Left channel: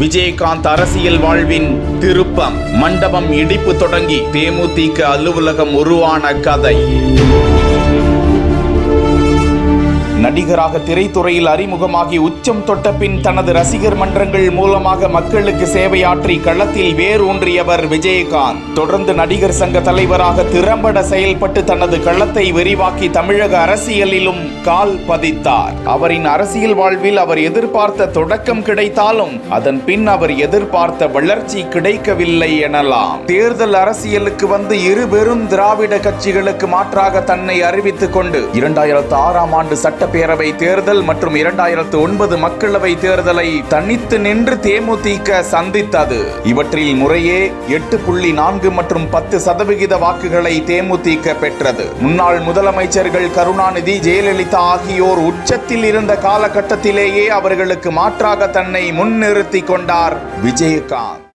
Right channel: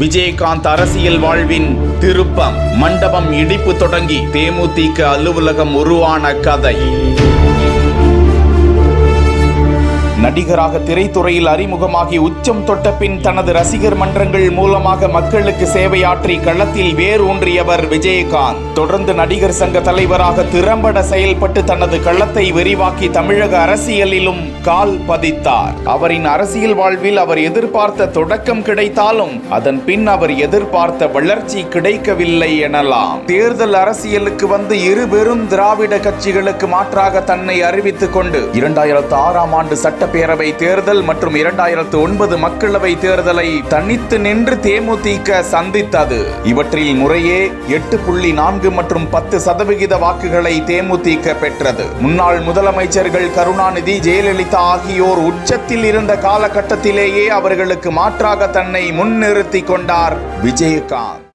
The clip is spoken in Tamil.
விஜயகாந்த் அரசியல் வாழ்வின் திருப்பம். மண்டபம் இடிப்பு தொடங்கி தேமுதிக அலுவலகம் உருவான கதை. நடிகராக திரைத்துறையில் அறிமுகமாகி உச்சம் தொட்ட பின் தனது ரசிகர் மன்றங்கள் மூலமாக மக்களுக்கு சேவையாற்றி களத்தில் வேரூன்றியவர் விஜயகாந்த். தொடர்ந்து நடிகர் சங்க தலைவராக திறம்பட செயல்பட்டு தனது களத்தை விரிவாக்கி தமிழக அரசியலிலும் கால் பதித்தார். அவரின் அரசியல் வாழ்வில் அவர் எதிர்பார்த்த தொடக்கம் கிடைத்தாலும் அதன் பின் அவர் எதிர்பார்த்த வளர்ச்சி கிடைக்கவில்லை எனலாம். தேர்தல் அரசியலுக்கு வந்து இரு பெரும் திராவிட கட்சிகளுக்கு மாற்றாக தன்னை அறிவித்துக் கொண்டு 2006ஆம் ஆண்டு சட்டப்பேரவை தேர்தல் மற்றும் 2009 மக்களவை தேர்தலை தனித்து நின்று தேமுதிக சந்தித்தது. இவற்றில் முறையே 8.4 மற்றும் 10% வாக்குகளை தேமுதிக பெற்றது. முன்னாள் முதலமைச்சர்கள் கருணாநிதி, ஜெயலலிதா ஆகியோர் உச்சத்தில் இருந்த காலகட்டத்திலேயே அவர்களுக்கு மாற்றாக தன்னை முன்னிறுத்திக் கொண்டார் விஜயகாந்த்.